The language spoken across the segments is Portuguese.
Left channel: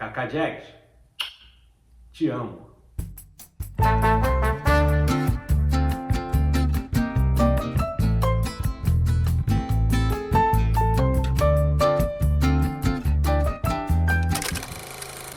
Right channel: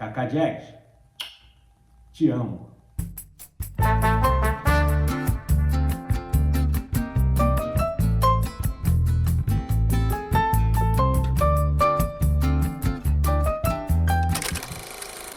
Cacá Diegues, te amo.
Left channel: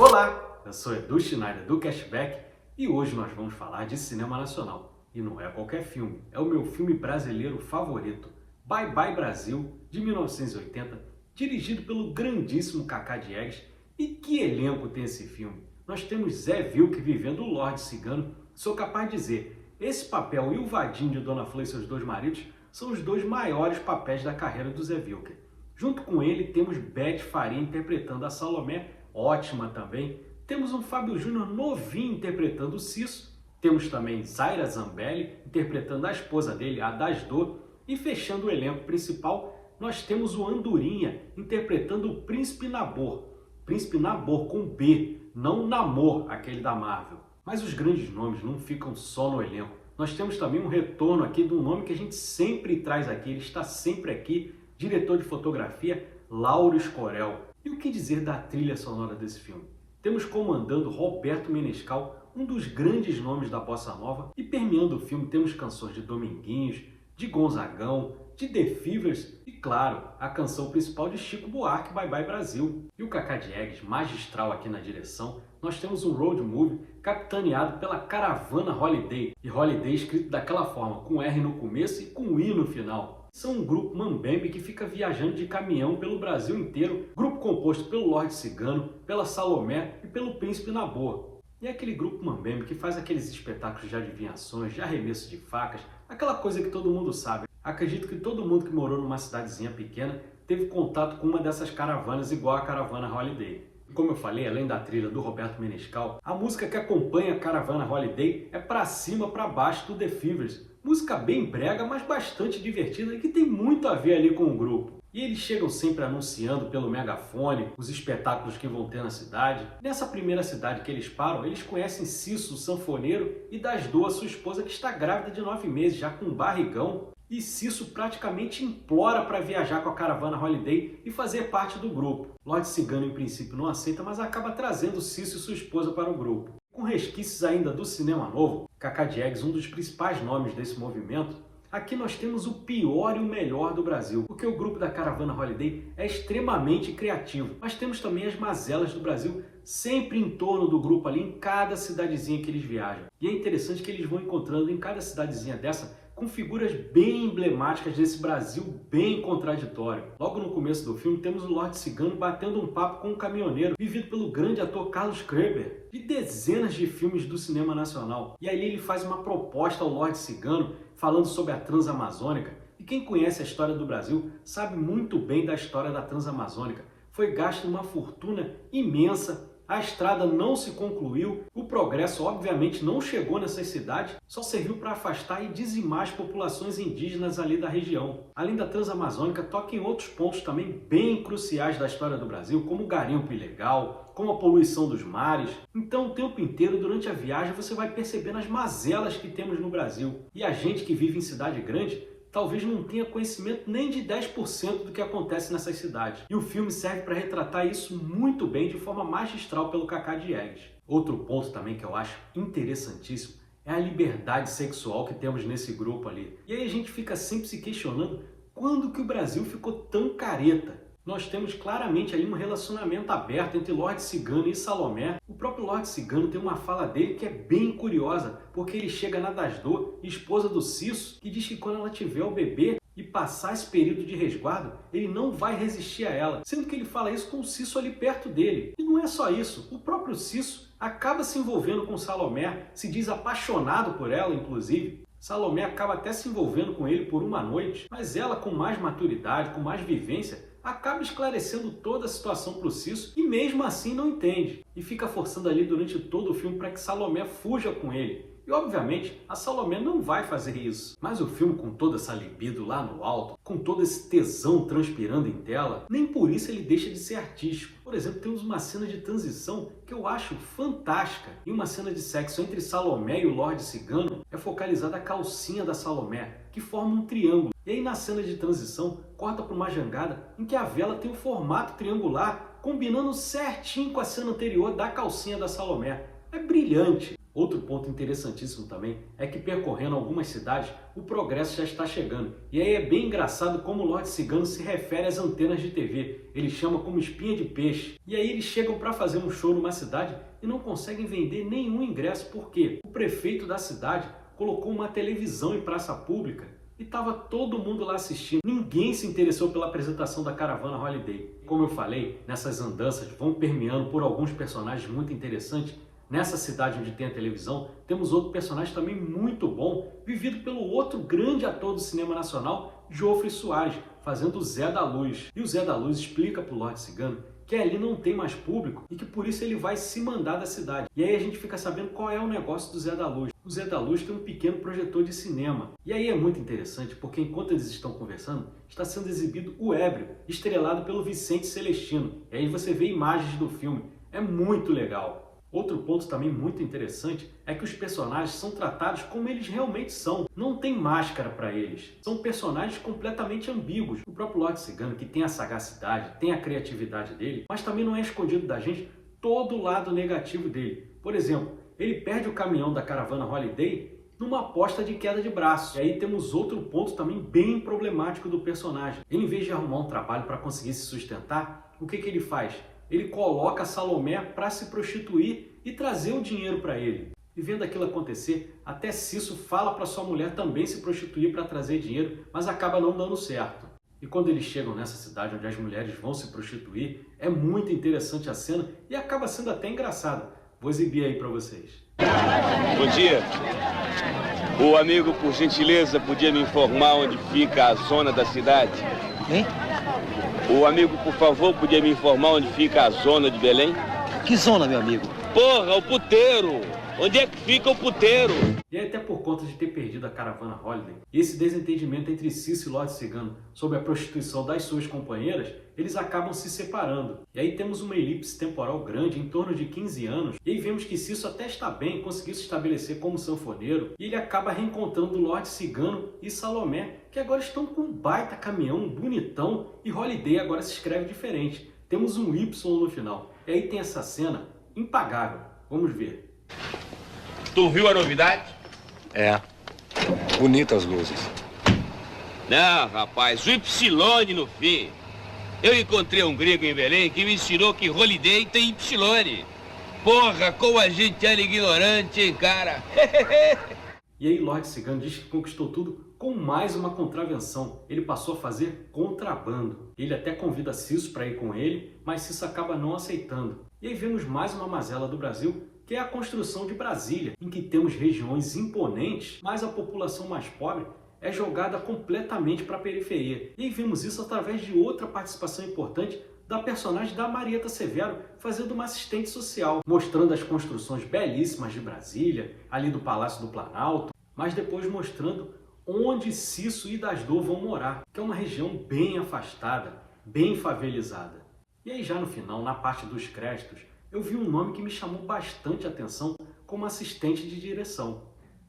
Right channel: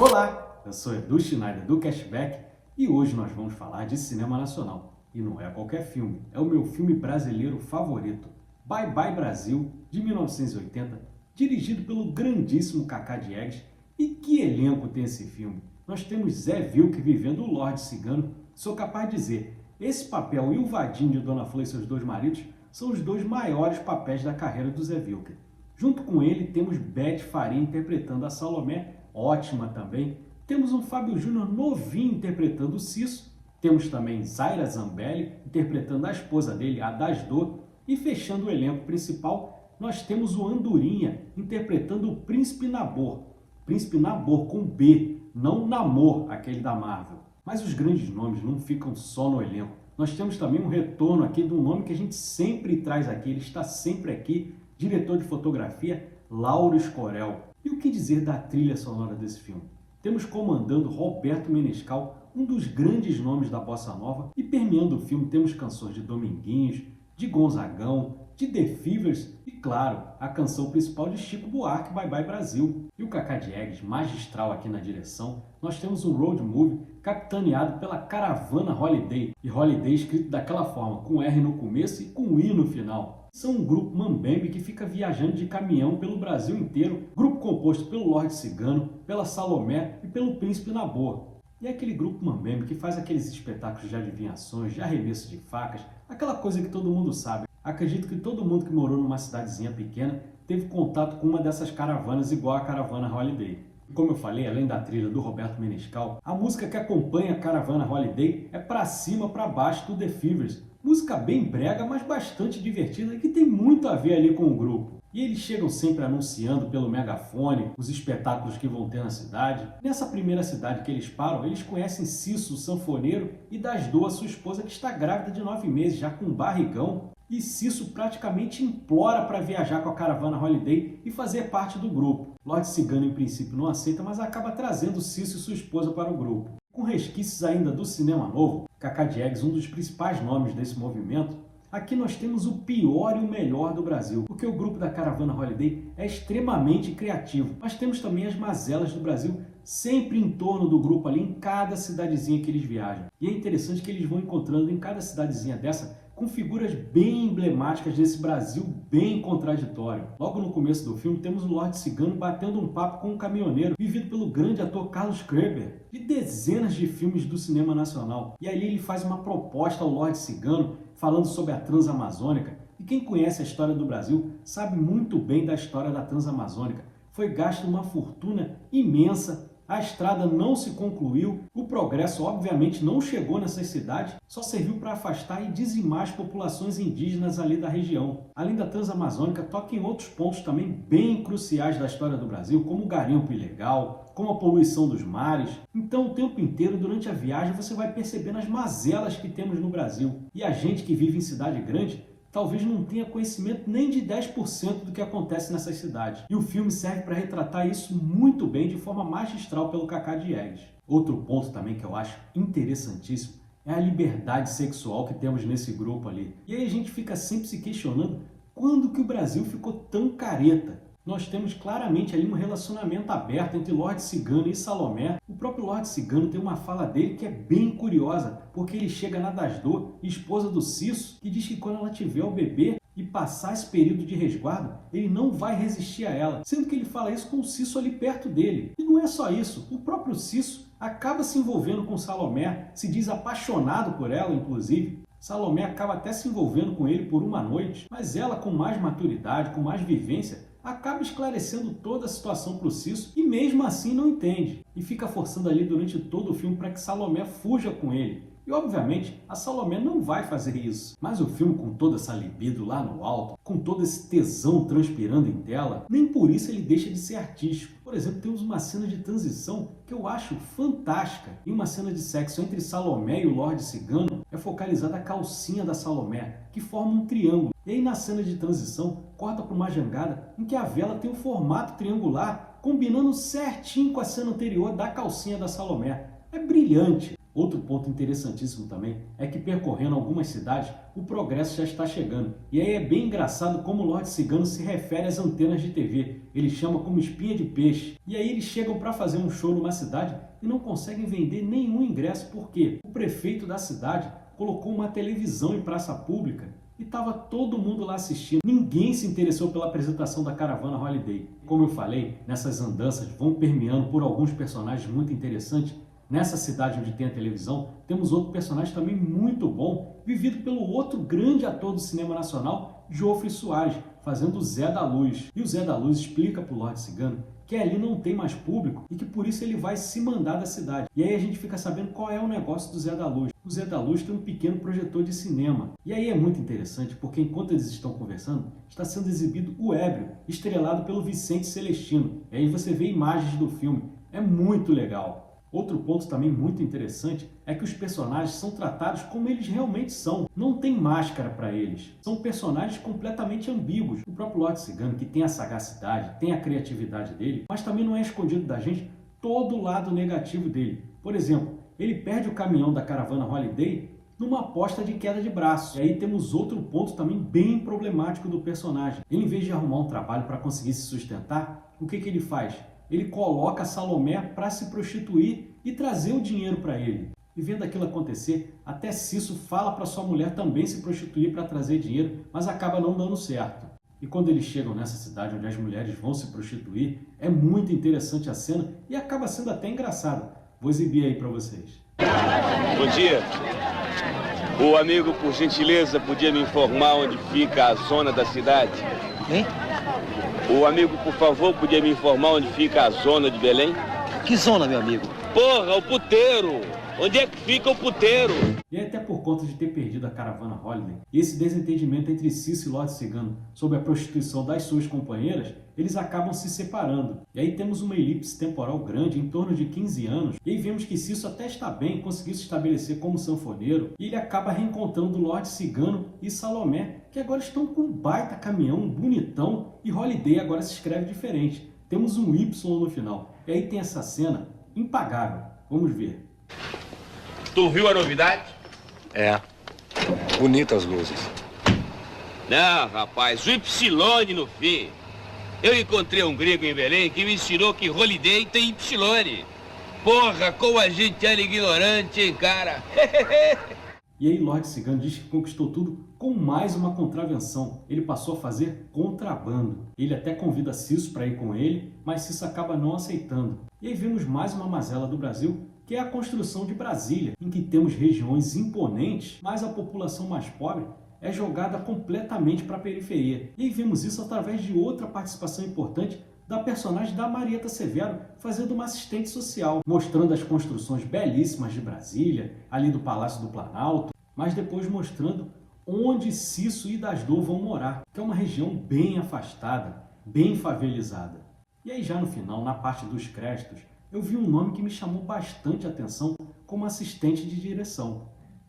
Olá, eu sou Edu Schneider do Cashback e hoje nós vamos falar de cinema nacional. E não é qualquer filme, é o meu filme brasileiro favorito, Bye Bye Brasil, de 1980, dirigido pelo grandíssimo Cacá Diegues. E que elenco tem esse filme? Nós temos Zé Vilker vivendo o Lorde Cigano. Sou capaz de dizer, esse papel e o Vadinho de Dona Flor e seus dois maridos são os dois maiores papéis da carreira do Zé Vilker. Junto com ele temos Beth Faria interpretando a Salomé, ótima também. Temos um Fábio Júnior novinho interpretando o Cisso. Temos também Zaira Zambelli interpretando a esposa dele, a Dasdor. E fechando o elenco principal, nós temos o Andorinha interpretando o Príncipe Nabor. Príncipe Nabor com B, não Namor, aquele da Marvel. Mas os grandes nomes não ficam só no elenco. Nós temos também um retorno aqui de um nome que a gente sempre traz aqui, ele está sempre aqui, diretor de fotografia, Lauro Escorel. E o que dizer da trilha sonora desse filme? Temos comandando Roberto Menescal, um dos grandes nomes da bossa nova, e permeando o filme temos canções de Dominguinhos, de Gonzagão, de The Fevers e, claro, a canção principal de Chico Buarque, Bye Bye Brasil. E o Cacá Diegues, magistral aqui na direção, nós temos um road movie capitaneado pela Caravana Holiday, e Holiday escrito daquela forma, com R no começo e com I no final. São um grupo mambembe que fica viajando de caminhão pelo Brasil inteiro, grupo composto pelo Lorde Cigano, pela Salomé e pelo Príncipe Nabor. E é aquele grupo mambembe que faz aqueles espetáculos de adivinhações, de arremesso de facas, aquela coisa que todo mundo sabe. Acredito que todo mundo que morou numa cidadezinha pequena teve contato com uma dessas caravanas igual a Caravana Holiday. Como eu falei, além da trilha do Roberto Menescal, a música que acompanha a Caravana Holiday é Pra Cima, Pra Baixo do The Fevers. Música bem brega, mas bastante divertida e que tem muito a ver ali com o grupo. E eles chegam sempre anunciando pelo megafone os espetáculos que vão ter na cidade. Nessa primeira cidade que eles param, eles conhecem Cisso, o sanfoneiro, e Dasdor, sua esposa, que está grávida de 9 meses, já com um barrigão. E Cisso praticamente implora para viajar com a Caravana Holiday e fazer parte do grupo. Lorde Cigano, em princípio, não aceita, mas acaba trazendo Cisso e sua esposa para o grupo. Com resquícios ainda do cinema novo, Cacá Diegues, um dos principais nomes desse movimento, aqui nós temos o pior e o melhor do Brasil, porque o grupo da Caravana Holiday é extremamente criativo, mas temos também as mazelas do Brasil sempre em torno do grupo ali, em cada cidadezinha que eles viajam. E é interessante que eles vão encontrando em cada cidadezinha dessa com figuras bem emblemáticas desse Brasil bem contraditório. Logo no começo do filme temos o Lorde Cigano batendo um papo com um caminhoneiro vivido pelo grande ator Carlos Krueger, de dezenas de filmes do cinema nacional. E aí ele faz uma proposta ao Lorde Cigano falando sobre a Transamazônica. E quem conhece a história do Brasil sabe muito bem da história da Transamazônica. Foi gasto uma fortuna imensa. A estrada não se concluiu, o progresso obviamente não chegou nessas cidades, só serviu para afastar e dizimar as populações indígenas ali da região. Além da Transamazônica, toca em outros pontos também bem cruciais da história do Brasil, como o garimpo ilegal, como a poluição dos mares. Então o tempo inteiro, durante a viagem, você vai percebendo as mazelas que temos no Brasil. E a gente que vive em cidade grande talvez não tenha conhecimento nem de 10% do que acontece nessas cidades. E o filme serve para retratar isso muito bem, de forma magistral, pelo Cacá Diegues. Outro ponto também que eu acho interessantíssimo é a liberdade sexual que temos nesse grupo ali. E aí a gente fica sempre se questionando quando que o Brasil ficou tão careta. Nós temos claramente ali um relacionamento aberto entre Lorde Cigano e Salomé. O próprio Lorde Cigano tem uma fala dele que é bem curiosa, porque ele chega na Dasdor, esposa do Cisso, que diz que quando ela tiver o bebê e passar esse período de resguardo, ele não vai resistir a ela, sendo que ele fala isso com o Cisso ali perto dele. E não é só isso, o próprio Cisso acaba se envolvendo com Salomé, se diz apaixonado por ela, inclusive. Salomé acaba até se envolvendo com ele por uma noite, mas ela, com mais maturidade, com mais vivência, acaba esclarecendo toda a situação para o Cisso e mesmo assim não entende. E fica forçando ali durante todo o filme para que Salomé fuja com ele. E obviamente a Salomé não vai fazer isso. Mas o filme, com toda essa libido lá no alto, com todo esse tesão transpirando em tela, nem por isso ele deixa de ser artístico. Por exemplo, temos uma cena de transição que eu acho fantástica. E uma cena de sexo entre Salomé e o Lorde Cigano é focalizada a calcinha da Salomé, que forma um triângulo. E aí na cena de transição, corta para uma jangada em que a vela tem um formato triangular, combinando certinho com a cena anterior da calcinha da Salomé. É brilhante. Outro ponto interessantíssimo também é que percorrendo algumas cidades, o progresso já está chegando. E aí é bem engraçado como o Lorde Cigano se refere às antenas de TV. Ele chama como espinha de peixe. E aí eles chegam para fazer um show numa cidade e não conseguem vender nenhum ingresso. Por quê? O prefeito da cidade colocou uma televisão em praça pública e estava todo mundo lá assistindo. Ninguém se interessou pela apresentação da caravana Holiday. Como eu falei, nessas andanças vão permeando por alguns personagens muito interessantes. Nessa cidade onde tem a televisão, temos outro personagem também muito bom, vivido pelo outro grande ator do cinema nacional, Jofre Soares, fazendo o Zé da Luz. E o Zé da Luz explica para o Lorde Cigano que ali não tem mais público e que por isso ele vai se mandar da cidade. E aí a gente fica sabendo qual é o negócio do Zé da Luz. O Zé da Luz tem um pequeno projetor de cinema. E aí é muito interessante porque enquanto eles estão conversando, está sendo exibido O Ébrio, estrelado pelo Vicente Celestino. E aí você vê imagens do filme. É muito legal. Outro ponto também muito interessante é que os personagens são tratados como eles realmente são. Não tem máscara para eles. São personagens completamente ambíguos. O próprio Lorde Cigano, que tem a sagacidade, tem a criatividade dele, mas também não é escondido da gente todo o lado negativo dele. Por exemplo, ele perde o caminhão da caravana Holiday numa aposta de queda de braço. E aí temos outro ponto também bem problemático do personagem. Ele, em vez de arrumar um trabalho para conseguir se sustentar, o que ele faz? Ele coloca a Salomé para se prostituir e trazer o dinheiro para ele. E vendo aquilo acontecer, até Cisso fala para sua mulher também se prostituir para trazer dinheiro, mas acaba não dando certo. E quando eles chegam nessa cidade onde as mulheres vão se prostituir, é muito interessante a cena e acaba sendo até engraçada. Vou exibir aí para vocês. Bom dia. O amigo, por gentileza, podia me informar onde fica a zona da cidade? Hein? O amigo, por favor, podia me informar onde fica a zona de Belém? Que zona, meu amigo? Porra, o puteiro! Onde é que fica o puteiro? E até por conta de ter perdido a caravana Holiday, e esse desentendimento entre Cisso e Lorde Cigano sobre a prostituição das suas companheiras, eles acabam se separando. E aí temos uma elipse temporal grande, em torno de 15 anos, e aí vemos que Cisso até está bem, conseguiu se estabelecer como sanfoneiro, e ele acaba reencontrando Lorde Cigano e Salomé, que agora estão com um baita caminhão, bonitão, e Holiday agora se escreve diferente. Temos um Y no final. E aí tem essa cena impagável. Vamos ver. Tu viu a novidade? É. Bonitas luzes. Não, rapaz, o Y no fim. Eu encontrei um grego em Belém que me ensinou que Holiday tem Y. Porra, como a gente era ignorante, hein, cara? E aí Lorde Cigano diz que conquistou tudo com mais uma contravenção. Ele passou a fazer contrabando. Ele até convida Cisso para ir com ele, mas Cisso acaba não aceitando. E aí vemos mais uma mazela do Brasil, que é a construção de Brasília, em que temos regiões imponentes, mas a população mais pobre é jogada completamente para a periferia. E aí vemos isso através de outra participação importante da personagem da Marieta Severo, fazendo uma assistente social, mostrando as construções belíssimas de Brasília, ali do Palácio do Planalto, mas depois mostrando onde Cisso e Dasdor vão morar, que é uma região bem afastada, bem favelizada. E aí já no final, na parte dos créditos, eu vi um nome que me chamou bastante atenção como assistente de direção,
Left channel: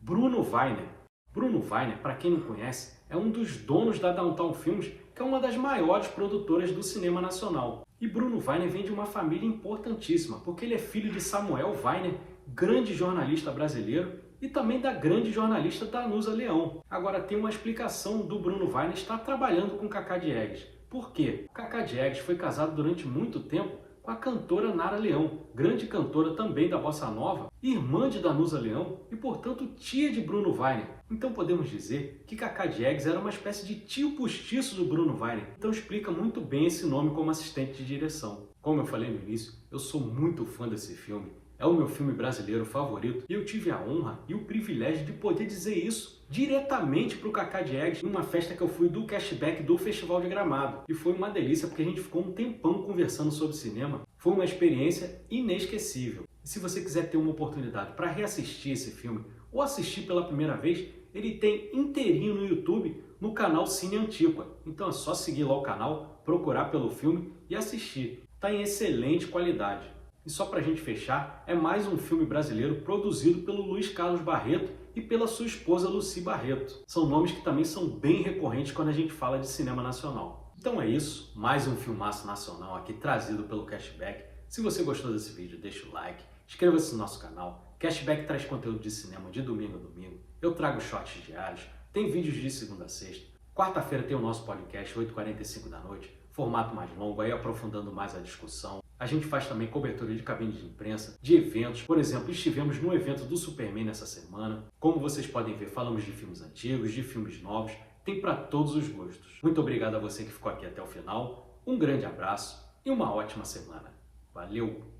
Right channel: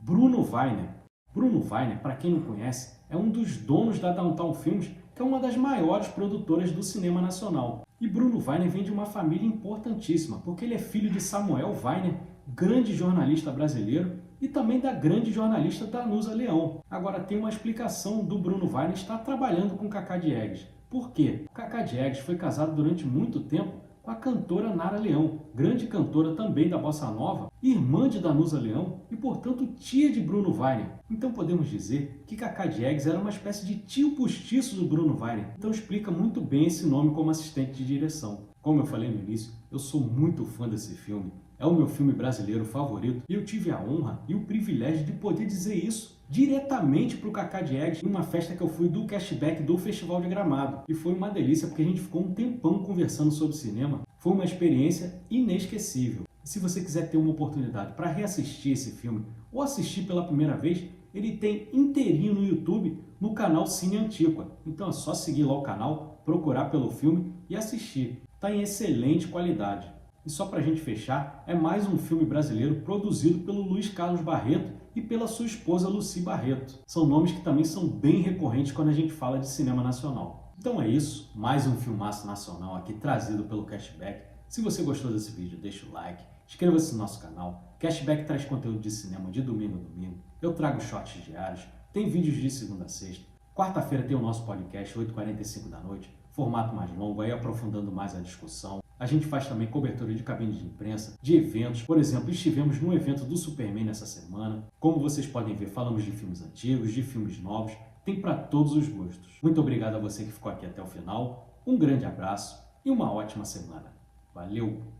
Bruno Weiner. Bruno Weiner, para quem não conhece, é um dos donos da Downtown Films, que é uma das maiores produtoras do cinema nacional. E Bruno Weiner vem de uma família importantíssima, porque ele é filho de Samuel Weiner, grande jornalista brasileiro, e também da grande jornalista Danusa Leão. Agora tem uma explicação do Bruno Weiner estar trabalhando com Cacá Diegues. Por quê? Cacá Diegues foi casado durante muito tempo com a cantora Nara Leão, grande cantora também da Bossa Nova, irmã de Danusa Leão e, portanto, tia de Bruno Weiner. Então podemos dizer que Cacá Diegues era uma espécie de tio postiço do Bruno Weiner. Então explica muito bem esse nome como assistente de direção. Como eu falei no início, eu sou muito fã desse filme. É o meu filme brasileiro favorito e eu tive a honra e o privilégio de poder dizer isso diretamente para o Cacá Diegues em uma festa que eu fui do Cashback do Festival de Gramado. E foi uma delícia porque a gente ficou um tempão conversando sobre cinema. Foi uma experiência inesquecível. E se você quiser ter uma oportunidade para reassistir esse filme ou assistir pela primeira vez, ele tem inteirinho no YouTube no canal Cine Antiqua. Então é só seguir lá o canal, procurar pelo filme e assistir. Está em excelente qualidade. E só para a gente fechar, é mais um filme brasileiro produzido pelo Luiz Carlos Barreto e pela sua esposa Lucy Barreto. São nomes que também são bem recorrentes quando a gente fala de cinema nacional. Então é isso, mais um filmaço nacional aqui trazido pelo Cashback. Se você gostou desse vídeo, deixa o like, inscreva-se no nosso canal. Cashback traz conteúdo de cinema de domingo a domingo. Eu trago shorts diários, tem vídeos de segunda a sexta. Quarta-feira tem o nosso podcast, 8h45 da noite, formato mais longo, aí aprofundando mais a discussão. A gente faz também cobertura de cabine de imprensa, de eventos. Por exemplo, estivemos no evento do Superman nessa semana. Como vocês podem ver, falamos de filmes antigos, de filmes novos. Tem para todos os gostos. Muito obrigado a você que ficou aqui até o final. Um grande abraço e uma ótima semana. Valeu!